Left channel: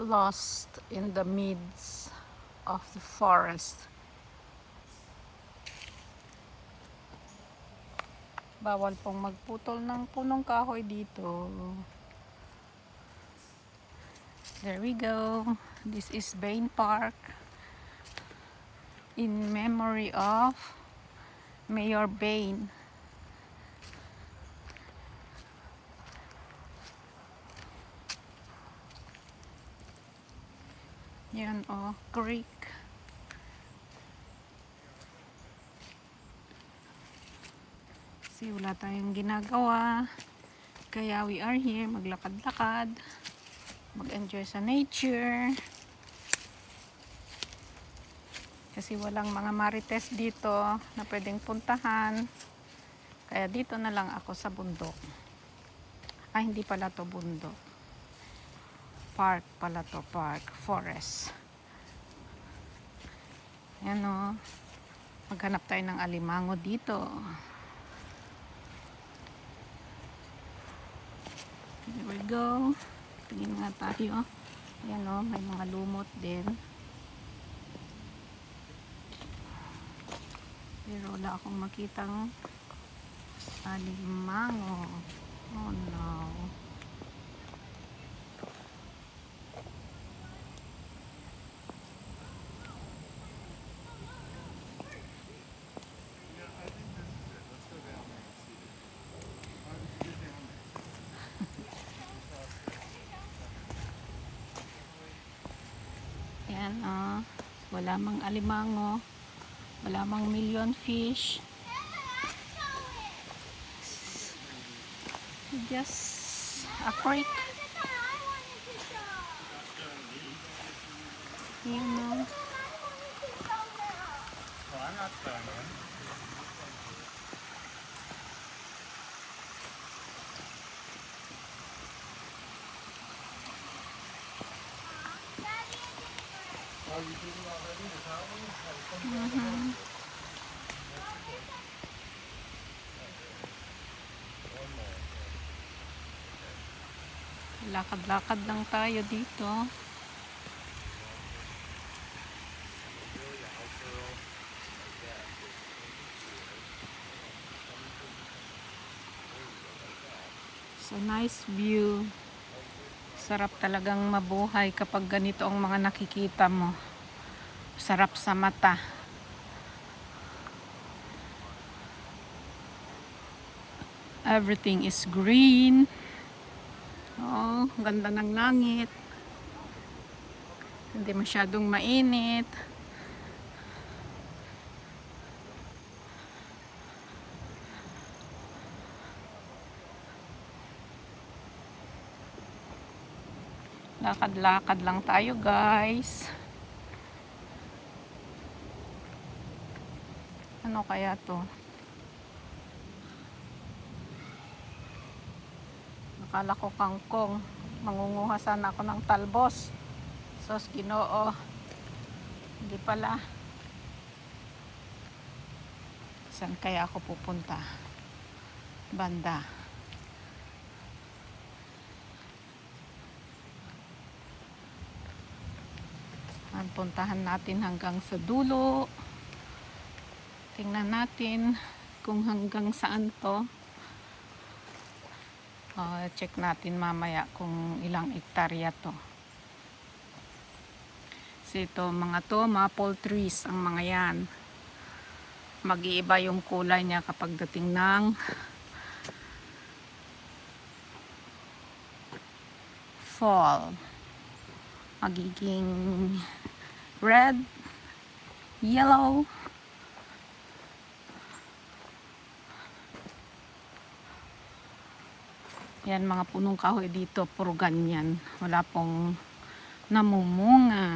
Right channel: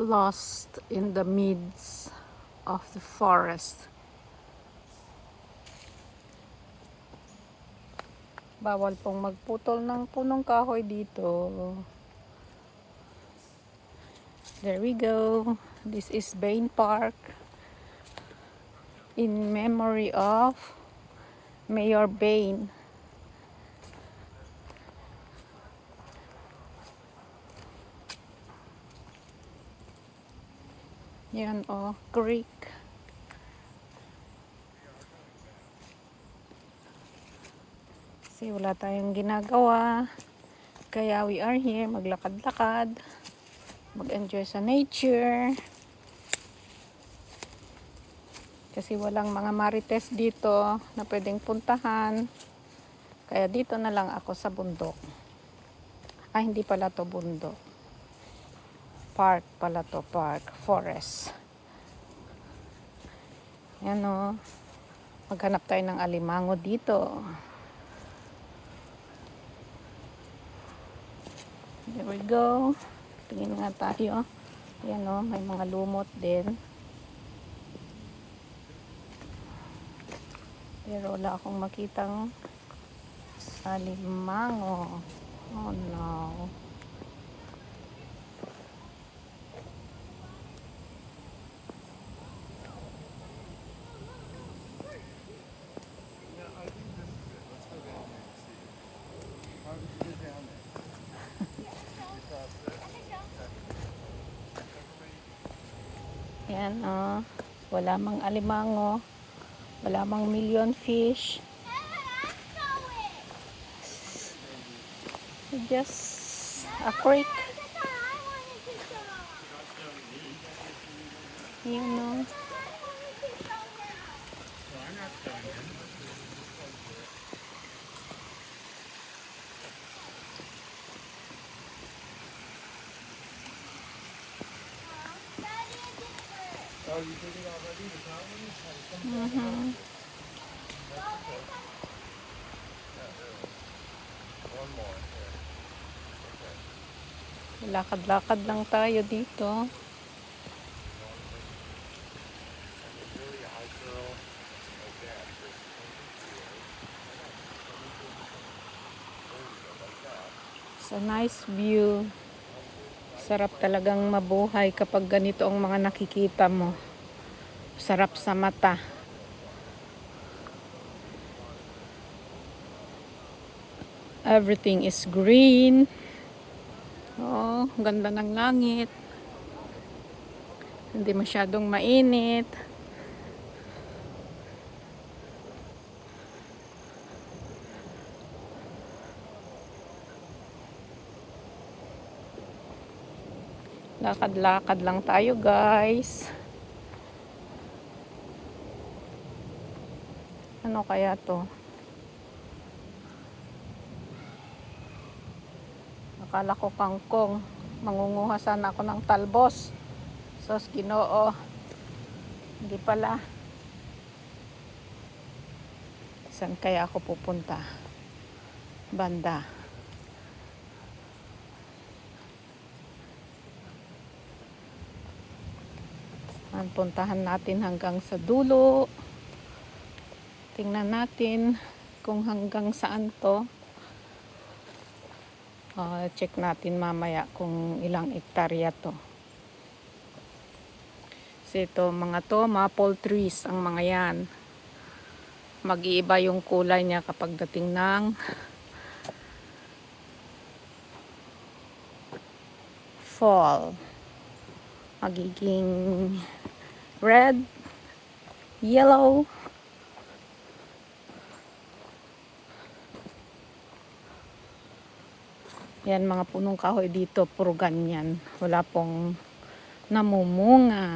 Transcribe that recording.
lost in the midst of the forest. Bawal pong magputol ng punong kahoy dito. There we go. This is Bain Park in memory of Mayor Bain. Yan o, creek. Kasi wala tayong ginagawa. Kaya we are here, maglakad-lakad. Mag-enjoy sa nature. Kasi walang mga marites dito na pwedeng puntahan. Kaya dito na lang ako sa bundok. Ay, hindi pala to bundok. Park pala to, park. Forest. Yan o. Maghanap tayo ng alimango dito. There we go. Tingin nga tayo. Yan o, may mga lumot din. Pero wala akong makitang alimango. Oh no. Yan oh. Wala mang alimango. Wala mang million fish. Just a creek. Yan oh. Lakad-lakad lang tayo dito. It's a nice view. Sarap talagang mabuhay kapag ganito ang mga nakikita mo. Sarap sa mata. Everything is green. Oh, ganda ng langit. Hindi masyadong mainit. Lakad-lakad lang tayo, guys. Ano kaya to? Akala ko kangkong. Mangunguha sana ako ng talbos. Sos Ginoo. Hindi pala. Saan kaya ako pupunta? Banda. Ang puntahan natin hanggang sa dulo. Tingnan natin kung hanggang saan to. Check natin mamaya kung ilang hektarya to. Kasi ito mga to, maple trees ang mga yan. Mag-iiba yung kulay niya kapag dating ng fall. Magiging red, yellow. Yan mga punong kahoy dito, puro ganyan. Wala pong namumunga.